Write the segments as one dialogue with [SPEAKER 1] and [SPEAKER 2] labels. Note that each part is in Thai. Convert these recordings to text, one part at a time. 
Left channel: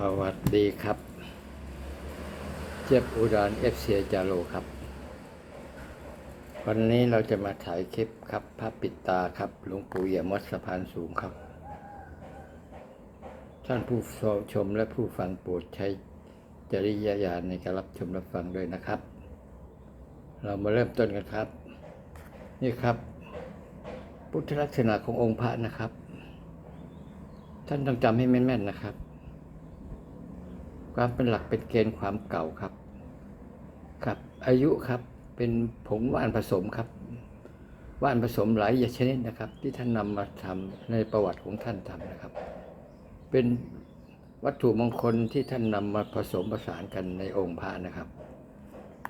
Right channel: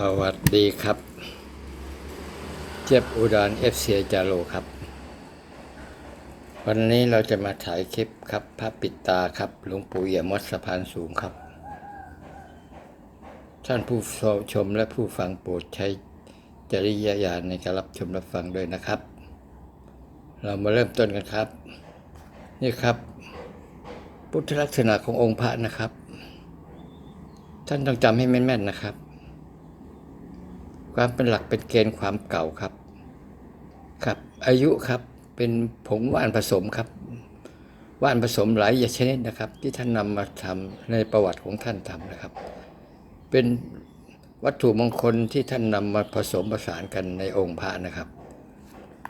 [SPEAKER 1] สวัสดีครับ เจ็บอุดรเอฟซีจาโรครับ วันนี้เราจะมาถ่ายคลิปครับพระปิดตาครับหลวงปู่เอี่ยมวัดสะพานสูงครับ ท่านผู้ชมและผู้ฟังโปรดใช้จริยญาณในการรับชมรับฟังด้วยนะครับ เรามาเริ่มต้นกันครับ นี่ครับ พุทธลักษณะขององค์พระนะครับ ท่านต้องจำให้แม่นๆนะครับ ความเป็นหลักเป็นเกณฑ์ความเก่าครับ ครับ อายุครับเป็นผงว่านผสมครับ ว่านผสมหลายอย่างชนิดนะครับ ที่ท่านนำมาทำในประวัติของท่านทำนะครับ เป็นวัตถุมงคลที่ท่านนำมาผสมผสานกันในองค์พระนะครับ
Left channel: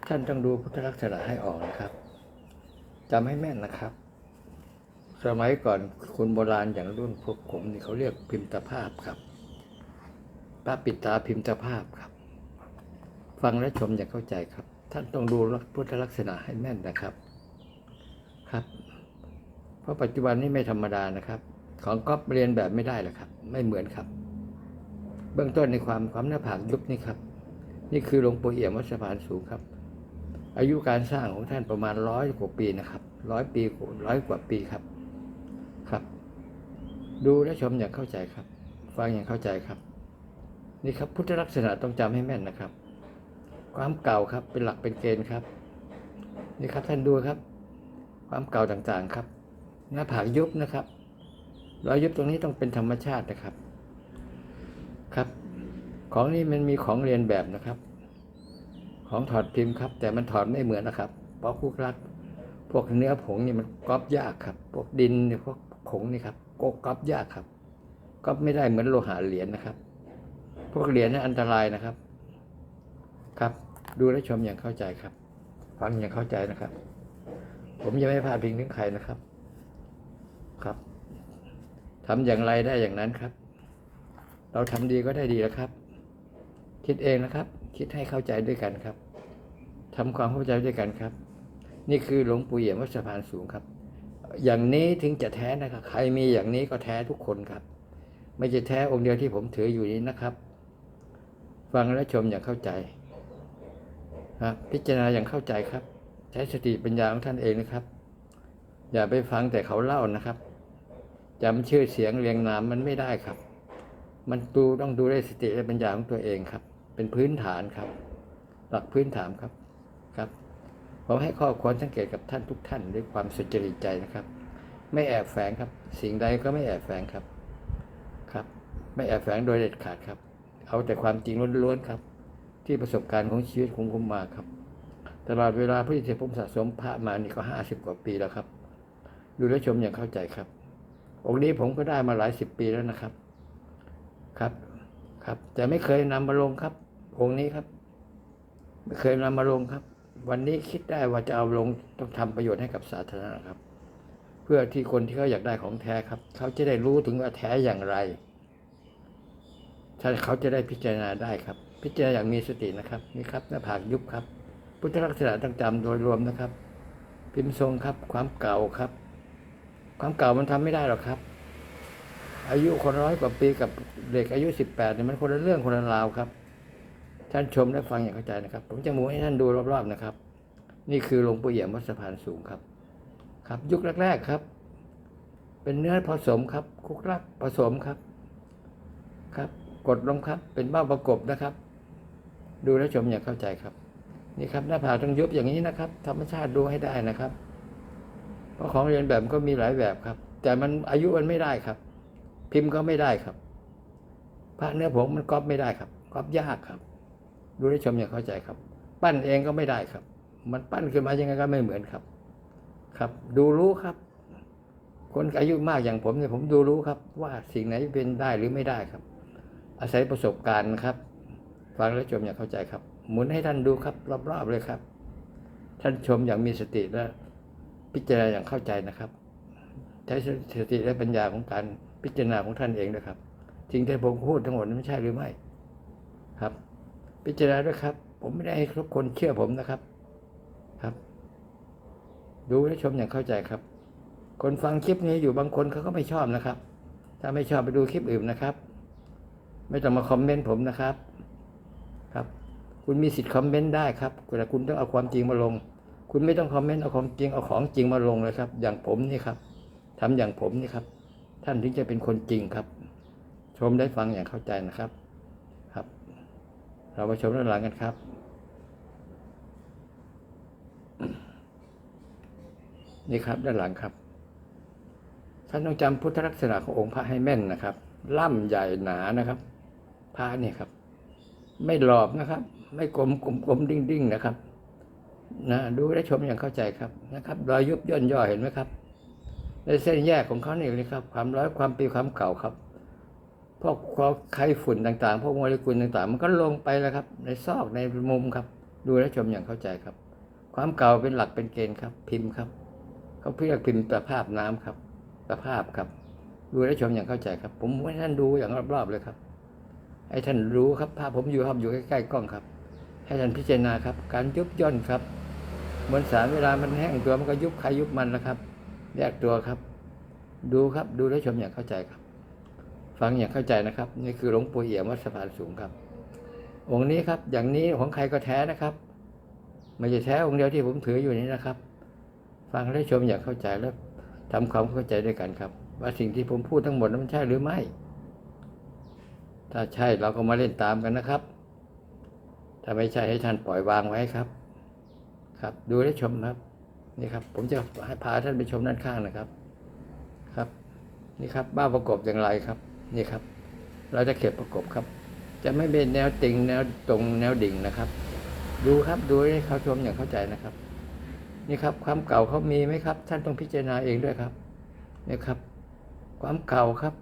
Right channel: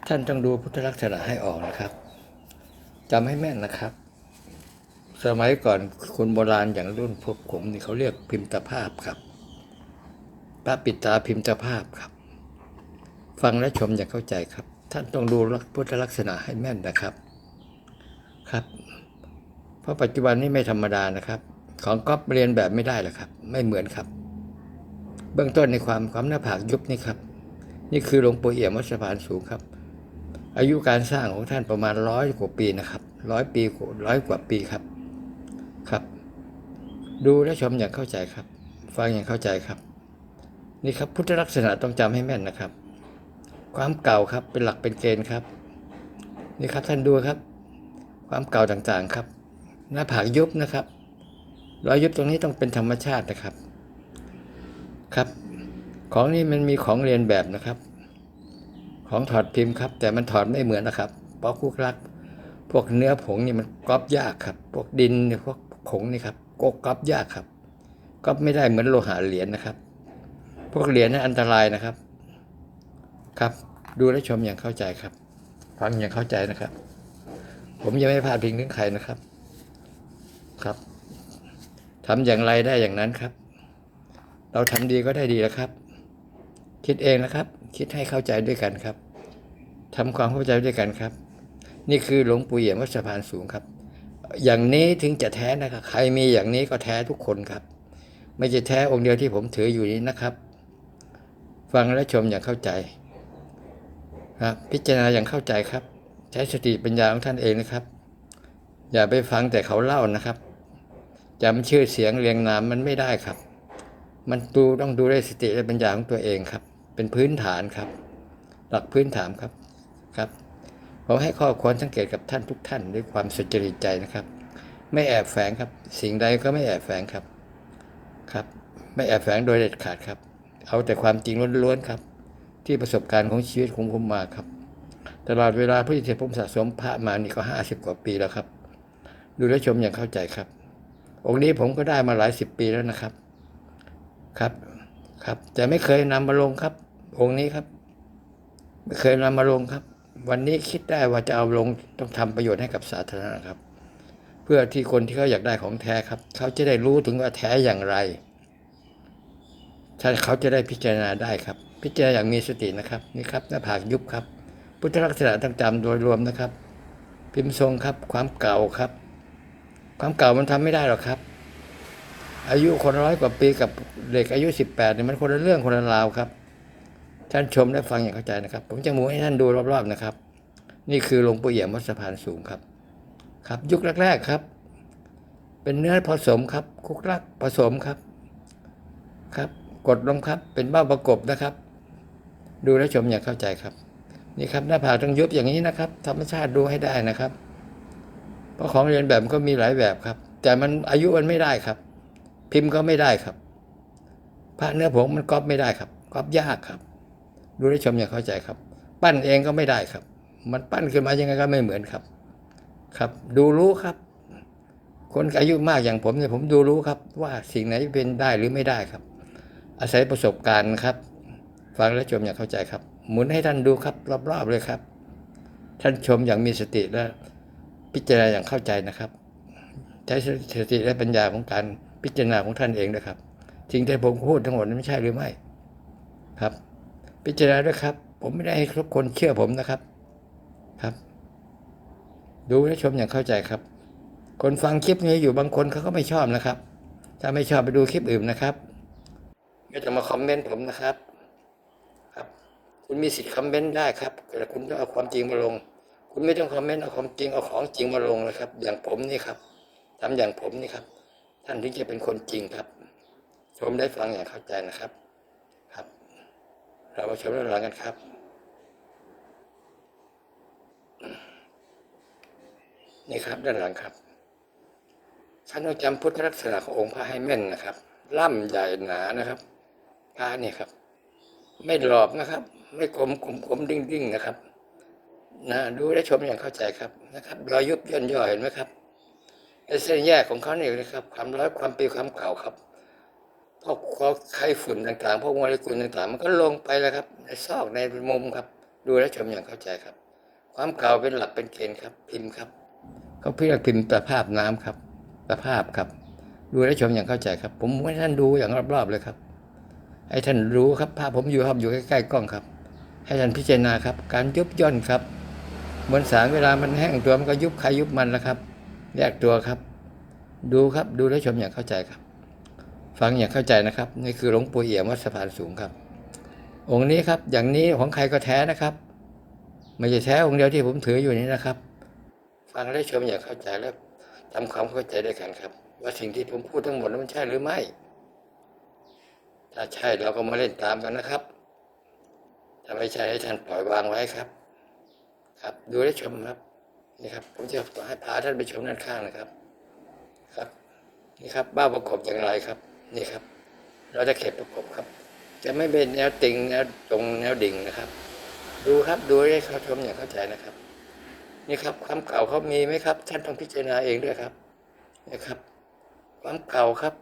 [SPEAKER 1] ท่านต้องดูพุทธลักษณะให้ออกนะครับจำให้แม่นนะครับ สมัยก่อนคนโบราณอย่างรุ่นพวกผมนี่เขาเรียกพิมพ์ตภาพครับ พระปิดตาพิมพ์จภาพครับ ฟังและชมอย่างเข้าใจครับ ท่านต้องดูพุทธลักษณะให้แม่นนะครับครับ เพราะปัจจุบันนี้ไม่ธรรมดานะครับ ของก๊อปเรียนแบบไม่ได้หรอกครับ ไม่เหมือนครับ เบื้องต้นในความความหน้าผากยุบนี่ครับ นี่คือหลวงปู่เอี่ยมวัดสะพานสูงครับ อายุการสร้างของท่านประมาณร้อยกว่าปีนะครับร้อยปีร้อยกว่าปีครับครับ ดูและชมอย่างเข้าใจครับ ฟังอย่างเข้าใจครับ นี่ครับพุทธลักษณะต้องจำให้แม่นนะครับ ความเก่าครับเป็นหลักเป็นเกณฑ์ครับ นี่ครับท่านดูครับ ความเก่าต่างๆครับหน้าผากยุบนะครับรอยยุบตรงนี้ต้องเป็นธรรมชาตินะครับครับ ของนี้มันมีของเรียนแบบนะครับ ของถอดพิมพ์ครับ แต่มันถอดไม่เหมือนนะครับเพราะคุกรักพวกเนื้อผงนี่มันก๊อปยากครับ พวกดินพวกผงนี่ครับก็ก๊อปยากครับก๊อปไม่ได้เหมือนโลหะเหรียญนะครับ พวกเหรียญนั้นอันตรายนะครับ ครับ ดูและชมอย่างเข้าใจครับ ฟังอย่างเข้าใจนะครับ ผมยังไม่พลาดพิงถึงใครนะครับ ครับทำอย่างไรได้อย่างนั้นครับ เราทำดีก็ได้ดีแล้วครับ คิดเองนะครับ คิดให้เข้าใจด้วยกันครับทำความเข้าใจด้วยกันครับ นี่คือหลวงปู่เอี่ยมวัดสะพานสูงครับ อย่างนี้ถึงจะแท้นะครับ ใครมีอย่างนี้ก็แท้ทุกคนครับ ไม่ใช่แท้องค์เดียวที่ผมถืออยู่นี้นะครับ ฟังและชมอย่างเข้าใจครับพิจารณาอย่างเข้าใจครับ ใช้สติปัญญาของท่านเองนะครับ อย่าไปฟังแต่เขาเล่านะครับจำชื่อเสียงเรียงนามมันไม่ได้ครับ มันดูต้องดูด้วยสติและปัญญาของตัวเองครับ เป็นพื้นฐานครับ หลักพื้นฐานครับครับผมให้ข้อควรสังเกตกับท่านทุกท่านด้วยความสุจริตใจนะครับ ไม่แอบแฝงครับ สิ่งใดก็ไม่แอบแฝงครับครับ ไม่แอบแฝงโดยเด็ดขาดครับ เอาแต่ความจริงล้วนๆครับ ที่ประสบการณ์ของชีวิตของผมมาครับ ตลอดเวลาที่ผมสะสมพระมานี่ก็ห้าสิบกว่าปีแล้วครับ ดูและชมอย่างเข้าใจครับ องค์นี้ผมก็ได้มาหลายสิบปีแล้วนะครับ ครับ ครับแต่ไม่เคยนำมาลงครับ องค์นี้ครับ ไม่เคยนำมาลงครับ วันนี้คิดได้ว่าจะเอาลงต้องทำประโยชน์ให้กับสาธารณะครับ เพื่อที่คนที่เขาอยากได้ของแท้ครับ เขาจะได้รู้ถึงว่าแท้อย่างไร ถ้าเขาจะได้พิจารณาได้ครับ พิจารณาอย่างมีสตินะครับนี่ครับหน้าผากยุบครับ พุทธลักษณะต่างๆ โดยรวมนะครับ พิมพ์ทรงครับความเก่าครับ ความเก่ามันทำไม่ได้หรอกครับ อายุคนร้อยกว่าปีกับเด็กอายุสิบแปดเนี่ยมันคนละเรื่องคนละราวครับท่านชมและฟังอย่างเข้าใจนะครับ ผมจะหมูให้ท่านดูรอบๆนะครับ นี่คือหลวงปู่เอี่ยมวัดสะพานสูงครับ ครับ ยุคแรก ๆครับ เป็นเนื้อผสมครับ คุกรักผสมครับครับ กดลงครับ เป็นเบ้าประกบนะครับ ดูและชมอย่างเข้าใจครับ นี่ครับหน้าผากต้องยุบอย่างนี้นะครับ ธรรมชาติดูให้ได้นะครับ เพราะของเรียนแบบมันก็มีหลายแบบครับ แต่มันอายุมันไม่ได้ครับ พิมพ์ก็ไม่ได้ครับพระเนื้อผงมันก๊อปไม่ได้ครับก๊อปยากครับ ดูและชมอย่างเข้าใจครับ ปั้นเองก็ไม่ได้ครับ มันปั้นขึ้นมายังไงก็ไม่เหมือนครับ ครับ ดูรู้ครับคนอายุมากอย่างผมเนี่ยผมดูรู้ครับ ว่าสิ่งไหนเป็นได้หรือไม่ได้ครับ อาศัยประสบการณ์ครับฟังและชมอย่างเข้าใจครับ หมุนให้ท่านดูครับ รอบๆเลยครับ ท่านชมอย่างมีสติและพิจารณาอย่างเข้าใจนะครับ ใช้สติและปัญญาของการพิจารณาของท่านเองนะครับสิ่งที่ผมพูดทั้งหมดนั้นไม่ใช่หรือไม่ครับ พิจารณาด้วยครับ ผมไม่ได้ให้ทุกคนเชื่อผมนะครับครับ ดูและชมอย่างเข้าใจครับ คนฟังคลิปนี้อยู่บางคนเขาก็ไม่ชอบนะครับ ถ้าไม่ชอบไปดูคลิปอื่นนะครับ ไม่ต้องมาคอมเมนต์ผมนะครับ ครับ คุณมีสิทธิ์คอมเมนต์ได้ครับแต่คุณต้องเอาความจริงมาลง คุณไม่ต้องคอมเมนต์เอาความจริงเอาของจริงมาลงเลยครับ อย่างผมนี่ครับทำอย่างผมนี่ครับ ท่านถึงจะเป็นคนจริงครับ ชมได้ฟังอย่างเข้าใจนะครับ ครับ เรามาชมด้านหลังกันครับนี่ครับด้านหลังครับท่านต้องจำพุทธลักษณะขององค์พระให้แม่นนะครับ ล่ำใหญ่หนานะครับ พระเนี่ยครับ ไม่หลอบนะครับ ไม่กลมกลมกลมดิ้งดิ้งนะครับ นะดูและชมอย่างเข้าใจครับนะครับ รอยยุบย่นย่อเห็นไหมครับ ในเส้นแยกของเขาเนี่ยนะครับ ความร้อยความปีความเก่าครับพวกพวกไข้ฝุ่นต่างๆ พวกโมเลกุลต่างๆ มันก็ลงไปแล้วครับ ในซอกในมุมครับ ดูและชมอย่างเข้าใจครับ ความเก่าเป็นหลักเป็นเกณฑ์ครับ พิมพ์ครับเขาเรียกพิมพ์ประภาพน้ำครับประภาพครับ ดูและชมอย่างเข้าใจครับ ผมให้ท่านดูอย่างรอบๆเลยครับ ให้ท่านรู้ครับภาพผมอยู่ครับอยู่ใกล้ๆกล้องครับ ให้ท่านพิจารณาครับ การยุบย่นครับเหมวลสารเวลามันแห้งตัวมันก็ยุบใครยุบมันนะครับแยกตัวครับ ดูครับดูและชมอย่างเข้าใจครับ ฟังอย่างเข้าใจนะครับ นี่คือหลวงปู่เอี่ยมวัดสะพานสูงครับ องค์นี้ครับ อย่างนี้ของใครก็แท้นะครับ ไม่ใช่แท้องค์เดียวที่ผมถืออยู่นี้นะครับ ฟังและชมอย่างเข้าใจและทำความเข้าใจด้วยกันครับ ว่าสิ่งที่ผมพูดทั้งหมดนั้นมันใช่หรือไม่ ถ้าใช่เราก็มาเล่นตามกันนะครับ ถ้าไม่ใช่ให้ท่านปล่อยวางไว้ครับ ครับ ดูและชมครับ นี่ครับ ผมจะให้พาท่านไปชมด้านข้างนะครับ ครับ นี่ครับ บ้าประกอบอย่างไรครับ นี่ครับ เราจะเข็บประกบครับ จะไม่เป็นแนวติงแนวตรงแนวดิ่งนะครับ ดูครับดูให้เขาชมอย่างเข้าใจนะครับ นี่ครับ ความเก่าเขามีไหมครับ ท่านต้องพิจารณาเองด้วยครับ นี่ครับ ความเก่าครับ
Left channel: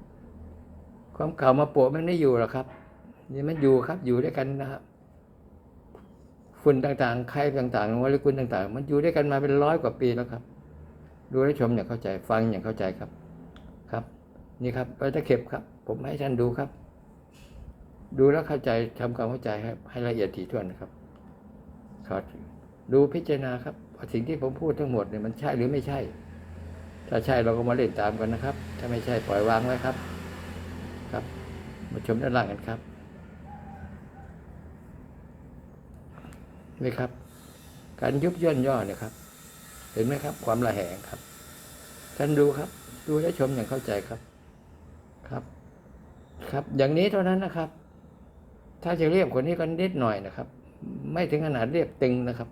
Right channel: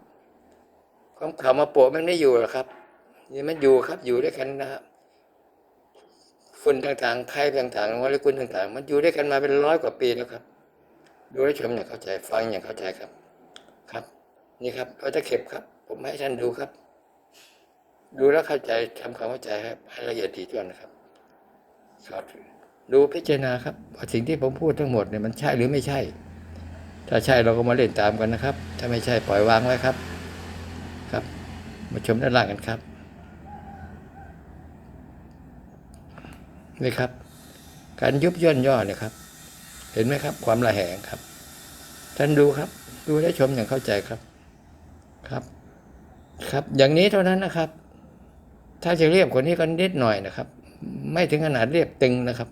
[SPEAKER 1] ความเก่ามาโปะมันไม่อยู่หรอกครับนี่มันอยู่ครับอยู่ด้วยกันนะครับฝุ่นต่างๆใครต่างๆโมเลกุลต่างๆ มันอยู่ด้วยกันมาเป็นร้อยกว่าปีแล้วครับดูและชมอย่างเข้าใจฟังอย่างเข้าใจครับครับ นี่ครับเราจะเข็บครับ ผมให้ท่านดูครับ ดูแล้วเข้าใจทำความเข้าใจให้ให้ละเอียดถี่ถ้วนนะครับครับดูพิจารณาครับสิ่งที่ผมพูดทั้งหมดเนี่ยมันใช่หรือไม่ใช่ ถ้าใช่เราก็มาเล่นตามกันนะครับ ถ้าไม่ใช่ปล่อยวางไว้ครับ มาชมด้านล่างกันครับ นี่ครับ การยุบย่นย่อเนี่ยครับ เห็นไหมครับ ความระแหงครับ ท่านดูครับ ดูและชมอย่างเข้าใจครับ ครับ ครับ อย่างนี้เท่านั้นนะครับ ถ้าจะเรียบกว่านี้ก็นิดหน่อยนะครับ ไม่ถึงขนาดเรียบตึงนะครับ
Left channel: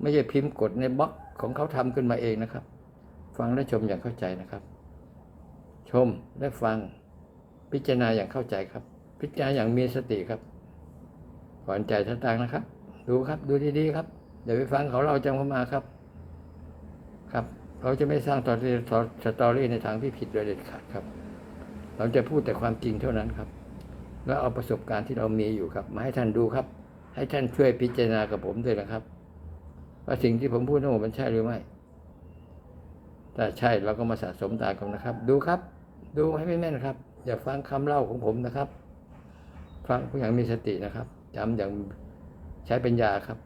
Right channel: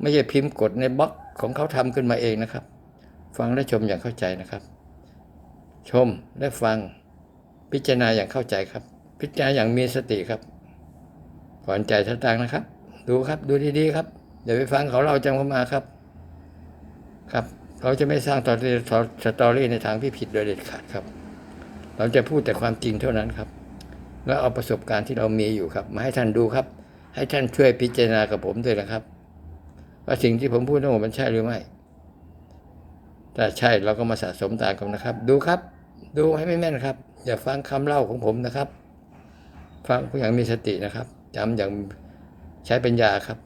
[SPEAKER 1] ไม่ใช่พิมพ์กดในบล็อกของเขาทำขึ้นมาเองนะครับ ฟังและชมอย่างเข้าใจนะครับ ชมและฟัง พิจารณาอย่างเข้าใจครับ พิจารณาอย่างมีสติครับก่อนใจทัต่างนะครับ ดูครับดูดีๆครับอย่าไปฟังเขาเราจำเข้ามาครับ ครับ เราจะไม่สร้างตอรี่สตอรี่ในทางที่ผิดโดยเด็ดขาดครับ เราจะพูดแต่ความจริงเท่านั้นครับ แล้วเอาประสบการณ์ที่เรามีอยู่ครับ มาให้ท่านดูครับ ให้ท่านช่วยพิจารณากับผมด้วยนะครับ ว่าสิ่งที่ผมพูดทั้งหมดมันใช่หรือไม่ถ้าใช่เราก็มาสะสมตามกันนะครับ ดูครับ ดูให้ไม่แม่นครับ อย่าฟังคำเล่าของผมนะครับ ฟังอย่างมีสตินะครับจำอย่างใช้ปัญญาครับ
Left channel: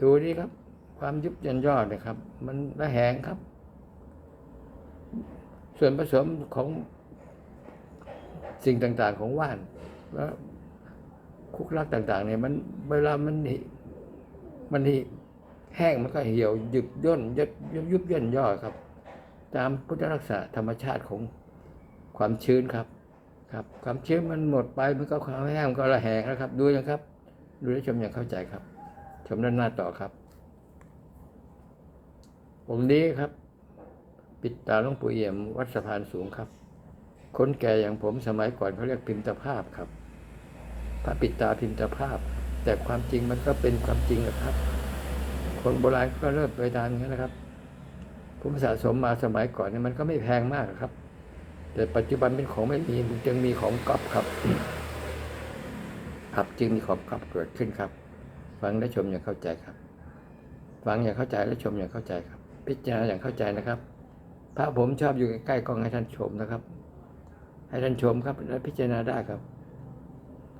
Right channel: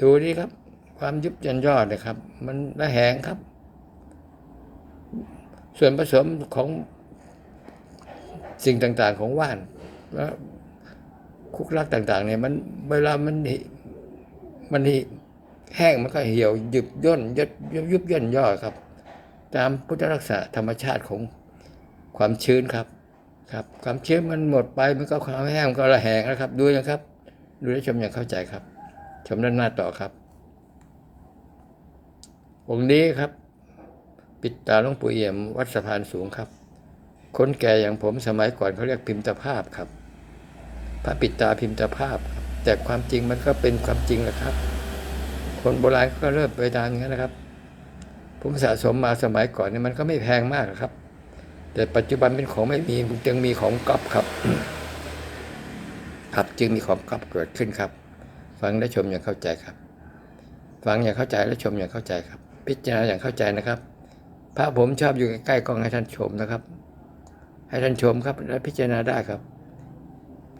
[SPEAKER 1] ดูนี่ครับ ความยุบยันยอดนะครับ มันระแหงครับ ส่วนผสมของสิ่งต่างๆของว่านและคุกลักต่าง ๆ เนี่ยมันเวลามันมันแห้งมันก็เหี่ยวหยุบย่นยดยุบยุบย่นย่อครับ ตามพุทธลักษณะธรรมชาติของความชื้นครับ ครับความชื้นมันหมดไปมันก็ความแห้งมันก็ระแหงนะครับ ดูนะครับ ดูและชมอย่างเข้าใจครับ ชมด้านหน้าต่อครับองค์นี้ครับ ปิดตาหลวงปู่เอี่ยมวัดสะพานสูงครับ คนแก่อย่างผมสมัยก่อนเขาเรียกพิมพ์ตภาพครับพระปิดตาพิมพ์ตภาพ แต่ความจริงมันก็เป็นความจริงแหละครับ คนโบราณก็เริ่มไปทางนี้นะครับ ผมสะสมมาสมัยก่อนเนี่ยมันก็ไม่แพงมากครับ แต่ปัจจุบันเป็นของไม่มีจึงมีของก๊อปครับ ครับจึงมีของก๊อปเกิดขึ้นครับ ฟังและชมอย่างเข้าใจครับ ฟังอย่างเข้าใจและชมอย่างเข้าใจครับ พิจารณาอย่างเข้าใจนะครับ พระผมชอบอยู่ใกล้ๆกล้องให้ท่านชมนะครับ ให้ท่านชมครับ และพิจารณาได้ครับ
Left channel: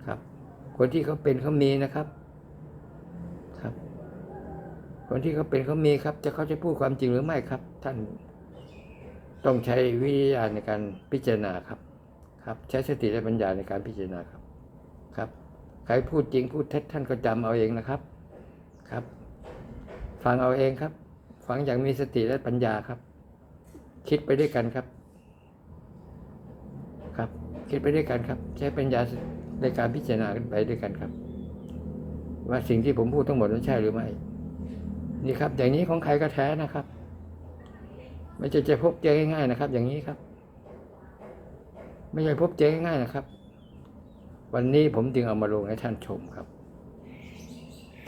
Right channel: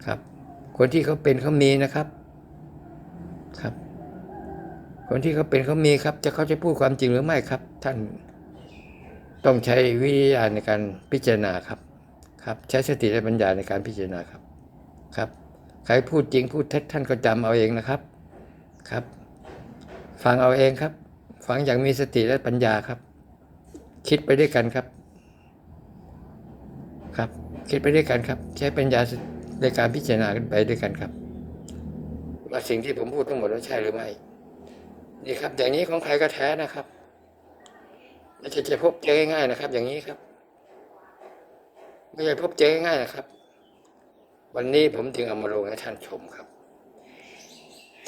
[SPEAKER 1] ครับ คนที่เขาเป็นเขามีนะครับ ครับ คนที่เขาเป็นเขามีครับ จะเขาจะพูดความจริงหรือไม่ครับ ท่าน ต้องใช้วิทยาในการพิจารณาครับครับ ใช้สติและปัญญาในการพิจารณาครับครับใครพูดจริงพูดเท็จท่านก็จำเอาเองนะครับครับ ฟังเอาเองครับ ฟังอย่างมีสติและปัญญาครับ คิดไปด้วยกันครับ ครับ คิดไปด้วยกันครับ ใช้ปัญญาในการพิจารณาไปด้วยกันครับ ว่าสิ่งที่ผมพูดทั้งหมดนั้นใช่หรือไม่นี่ครับ อย่างนี้ของใครก็แท้นะครับ ไม่ใช่จะพบเจอง่ายๆนะครับ อย่างนี้ครับ ไม่ใช่พบเจอง่ายๆนะครับ วันนี้ผมจึงเอามาลงให้ท่านชมครับ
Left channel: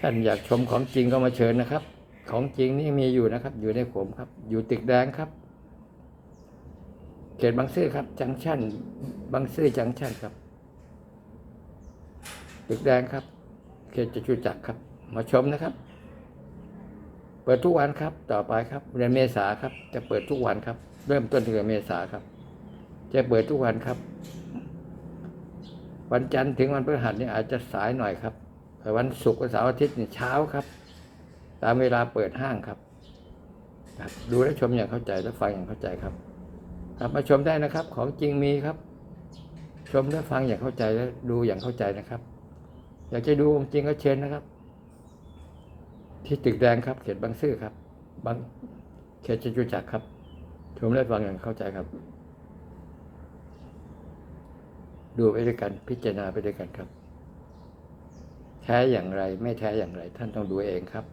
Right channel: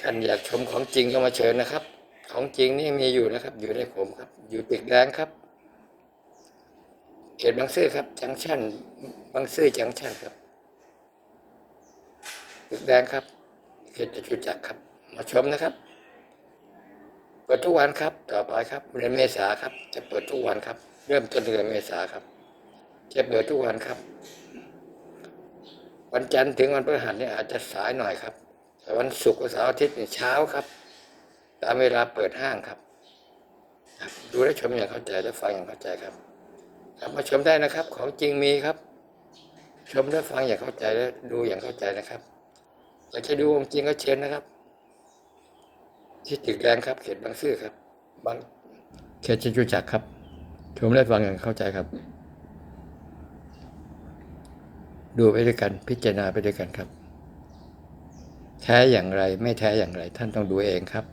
[SPEAKER 1] ท่านอยากชมของจริงก็มาเชิญนะครับ ของจริงนี่มีอยู่นะครับ อยู่ในผมครับ อยู่ตึกแดงครับ เขตบางซื่อครับ จังชั่นบางซื่อจังชั่นครับตึกแดงครับ เขตจตุจักรครับ มาชมนะครับ ปิดทุกวันครับ ต่อไปครับเดือนเมษาครับ จะเปิดทุกวันครับ เริ่มต้นเดือนเมษาครับ จะเปิดทุกวันครับ วันจันทร์ถึงวันพฤหัสนี่อาจจะสายหน่อยครับแต่วันศุกร์กับเสาร์อาทิตย์นี่เช้าครับ ตามเวลาเปิดห้างครับครับดูและชมอย่างเข้าใจและฟังอย่างเข้าใจครับครับมาชมได้นะครับ ของจริงมีครับ ชมและฟังอย่างเข้าใจและดูอย่างเข้าใจนะครับ อยากจะดูของจริงก็เชิญนะครับ ที่ตึกแดงครับ เขตบางซื่อครับ บางเขตจตุจักรครับชมและฟังอย่างเข้าใจครับ ดูไปด้วยกัน พิจารณาไปด้วยกันครับ แท้อย่างไร ไม่แท้อย่างไร ท่านต้องดูเองครับ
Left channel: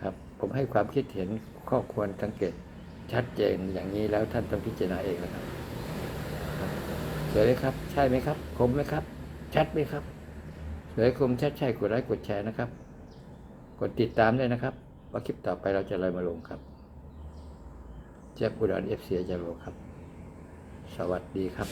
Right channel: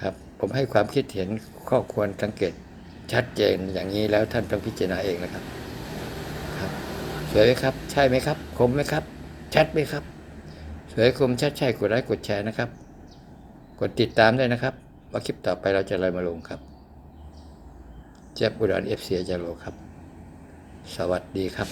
[SPEAKER 1] ครับ ผมให้ความคิดเห็นข้อควรสังเกต ชัดเจนอย่างนี้แล้วท่านต้องพิจารณาเองนะครับ ครับสวยไหมครับ ใช่ไหมครับ คมไหมครับ ชัดไหมครับสวยคมชัดใช่กดไลค์กดแชร์นะครับ กดติดตามด้วยนะครับ ว่าคลิปต่อไปเราจะอะไรมาลงครับเจ็บอุดรเอฟซีจะลงครับ สวัสดีครับ